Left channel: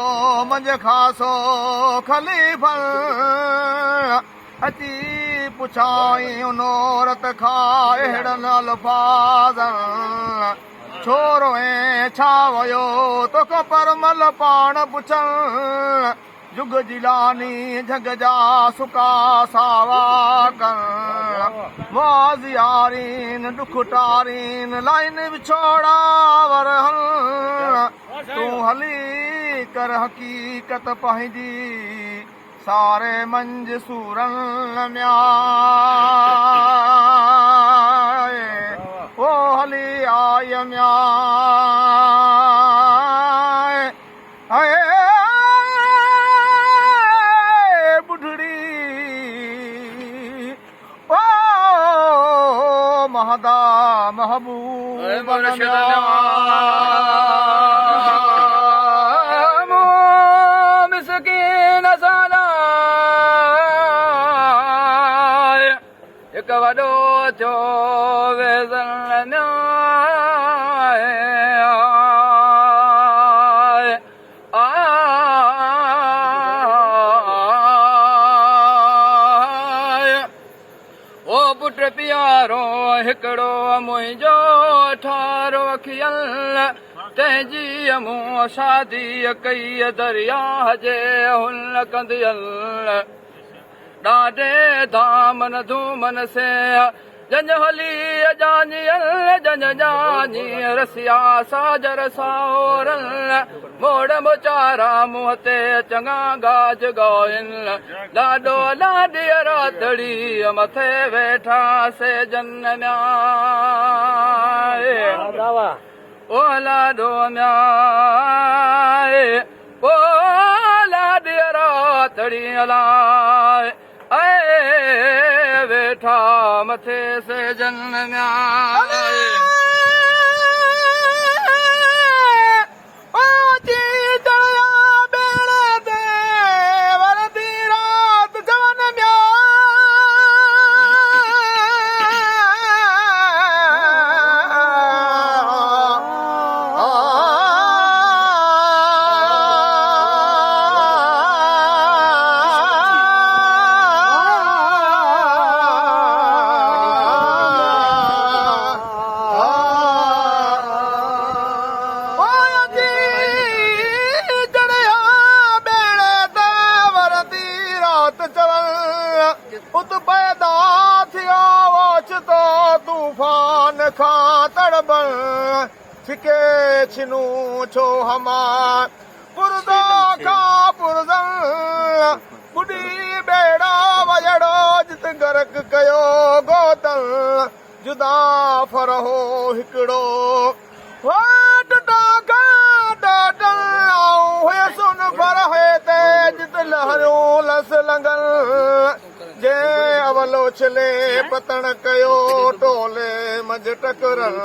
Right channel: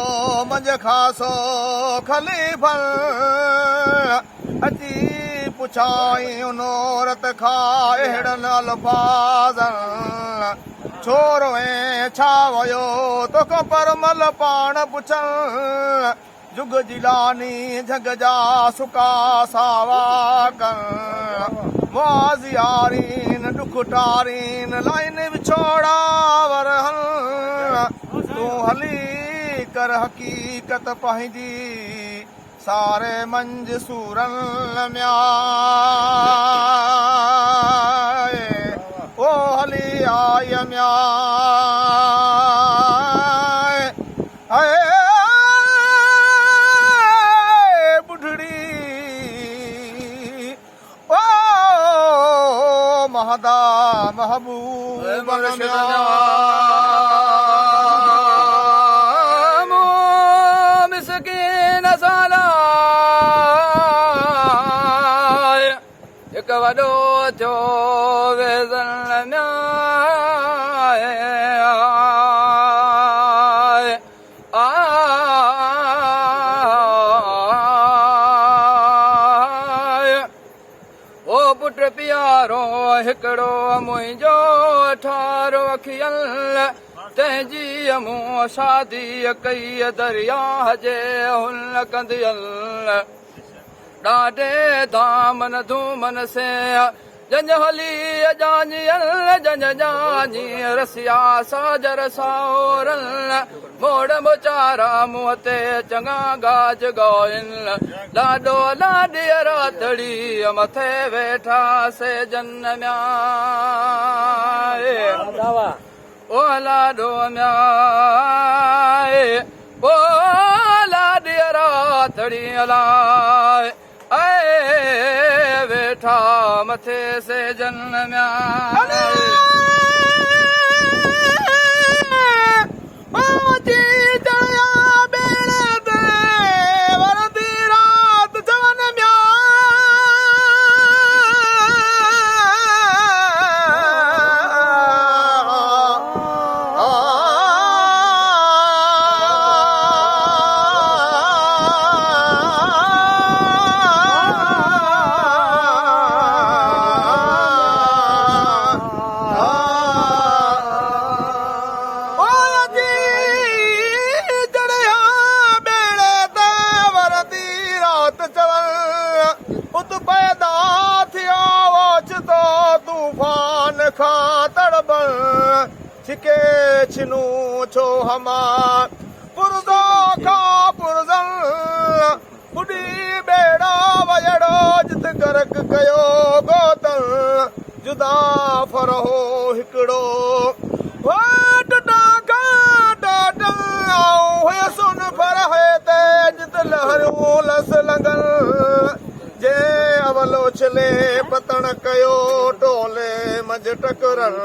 वॾो मंझ खासो ख़लीफ़ल अची पुछाई नोरत खां अहिड़नि अल्फाज़नि छोरो ऐं छा वियो तोखां परमल पाण पुछनि जुग जिलानी जग जा सुका सावा कनि वाज़ियारीन ॾुख टारीन लाइन विछोड़ा वरहनि तूं हली कर हक़ीक़त पंहिंजी सारे मंझ सूरनि म्याए ओ हली आय म्याए बुढ़ड़ी ओ महदा महबूब हिकु वॾो थियो वेज़न ओ पुट प्यारो हिकिड़ो मुंहिंजो ठारो अखियलु तंहिंजी मूं शादी कई दरिया जे हुन कंदियल ॾाढे धामन धूमन से जंज हली जानियल जंज जानी रसिया साजर साओरल मोड़ मोचारा मुंहं ते चङा गाज ॻाइन ॾाढो लाॾीअ रातड़ी मथे वेठा से जन न्याए ओ लाॾो न्याए ओ लाॾीअ रातड़ी अलाए वेठा मथे से जन्म उत पैदा थियो ओचितो तूफान खां तड़बल छिके छिनू छो हमार पुरदो खां पुरज़ल बुढ़ी बेड़ा वजड़ो जित गर्क कयो गोतल जुदा फरहो हिकिड़ो सुन फर ते जित लहरियूं लस लंगल जे अवलो छले पतण कयो टोले मंझ टकरन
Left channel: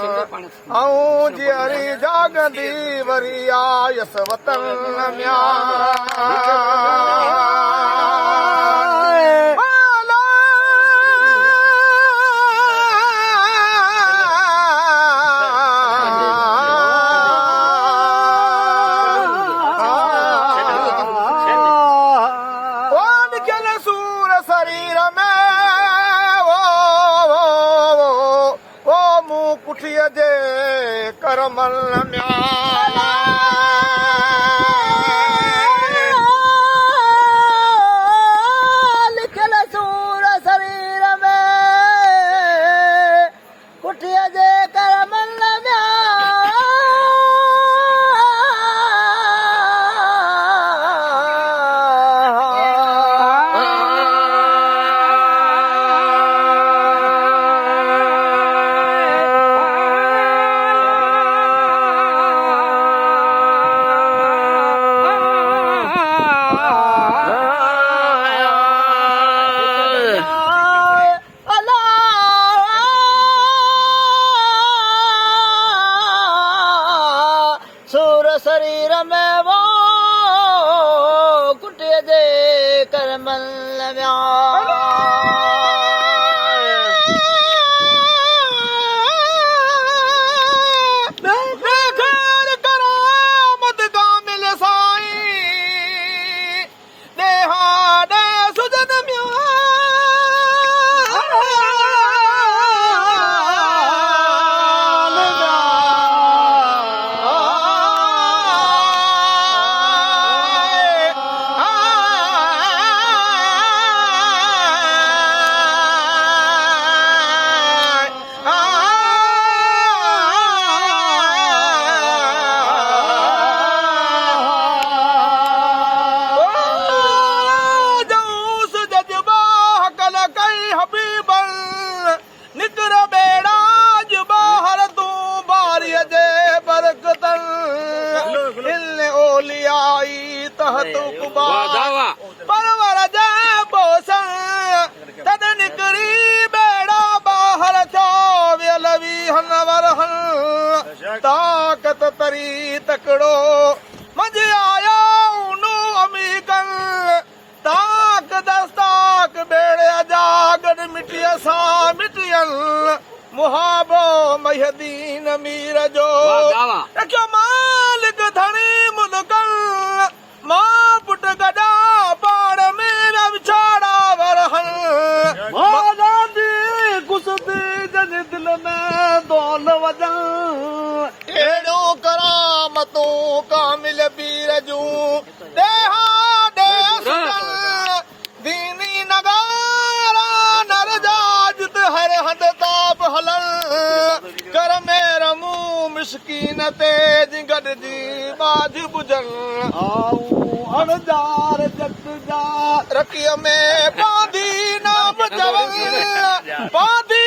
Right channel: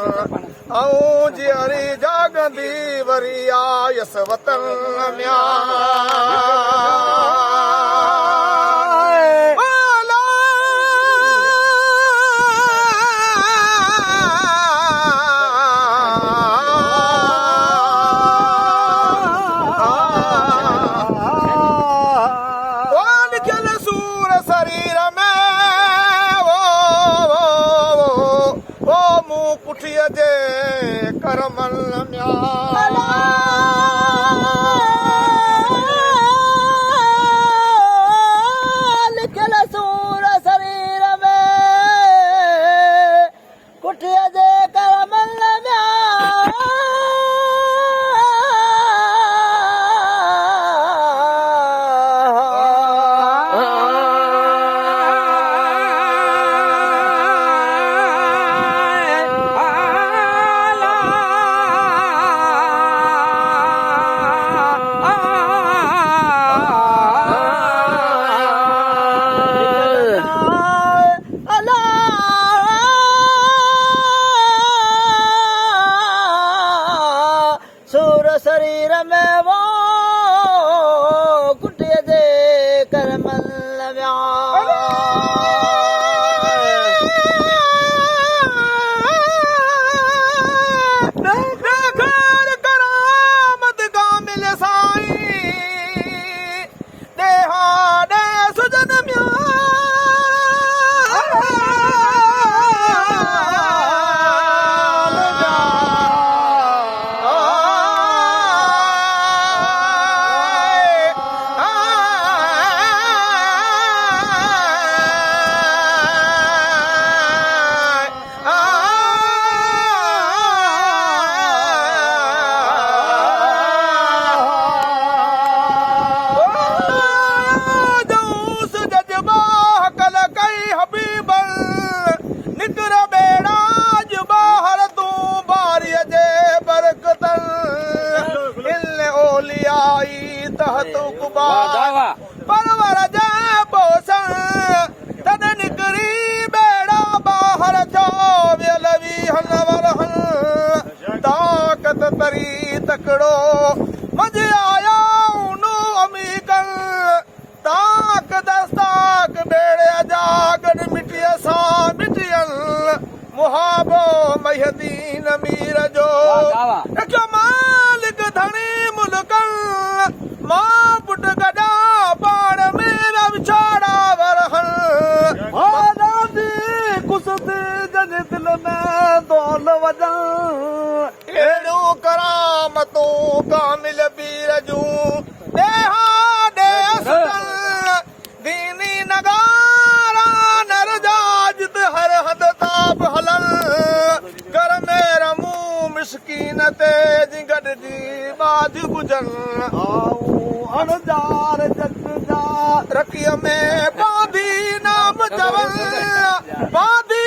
ऐं जीअरी जागंदी वरी आयस वतन कुठीअ जे करमल लिखियल सूर शरीर में कुठीअ जे करमल तहत कुबा परवर जे पोसण तद निकरी बेड़ा बाहर जो वेलवी हनवर हन ताकत तरी तकड़ो मंझ आया उनु अमीकन ताक दस्ताक बेड़े जागन मिटिया सा मिटियन मुहाबो महदीन मीर जो रखियो मालिक धनी मुनकल मां पुट गदा पाण मेरा विछाड़ा वरहन मादा दी कुसते जन दिल में दौल वजन एड़ो करामतों कामिल बीर जू देहा दे असगल दीनी नगारा नर जाजत हर हद ताप हलन कर मेरा मुंह मिस्कीन ते जिगड़ जी बाज बुझन आऊं अनजार जट जा रखिय में बांधी नाम जवन बांधी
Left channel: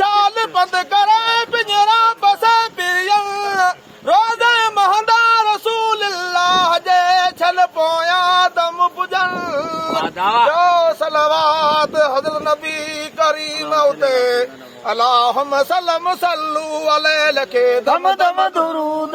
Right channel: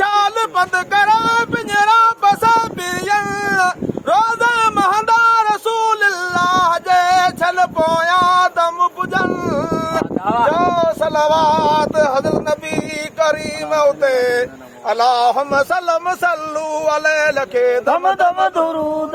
छाल बंद कर पिंजरा बसा पियन रोज़ महंदा रसूल अल्लाह जे छल पोया दम बुझन जो सलवात हज़रत नबी करीम उते अल्लाहुम्मा सल्लम सल्लू अलैहि लखे दम दम दुरूद